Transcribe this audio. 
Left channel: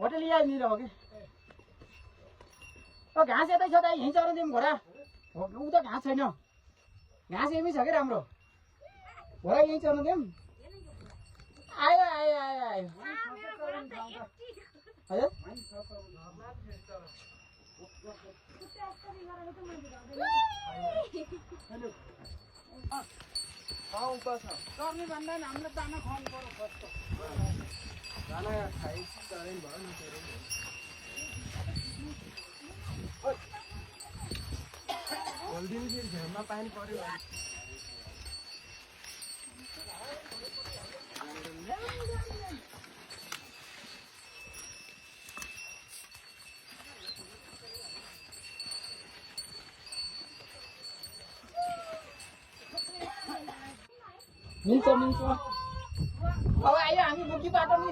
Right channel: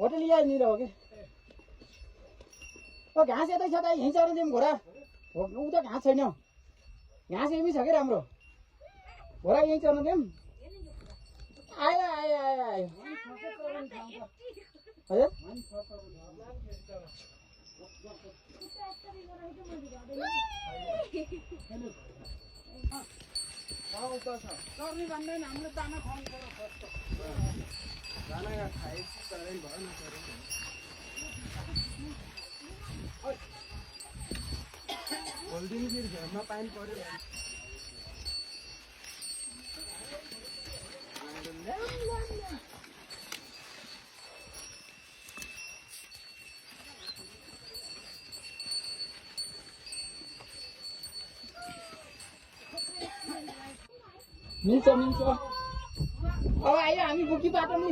hotel यहाँनिर हो कि घाँस यतै छ त यहीँ चर्न दिउँ घोडा ऊ त घाँस छैन घाँस यहीँ छ कि राम्रो घोडा यहीँ चर्न दिउँ आयो आयो आयो आयो हजुर चर्ने भन्दा हाम्रो दाना खुवाउनु पर्यो फर्स्ट दाना खाएपछि चरेन भयो नचरेन भोलिदिन फेरि घाममा पानी पर्यो मिल्छ अब आयो हामी बुकी बाटो नि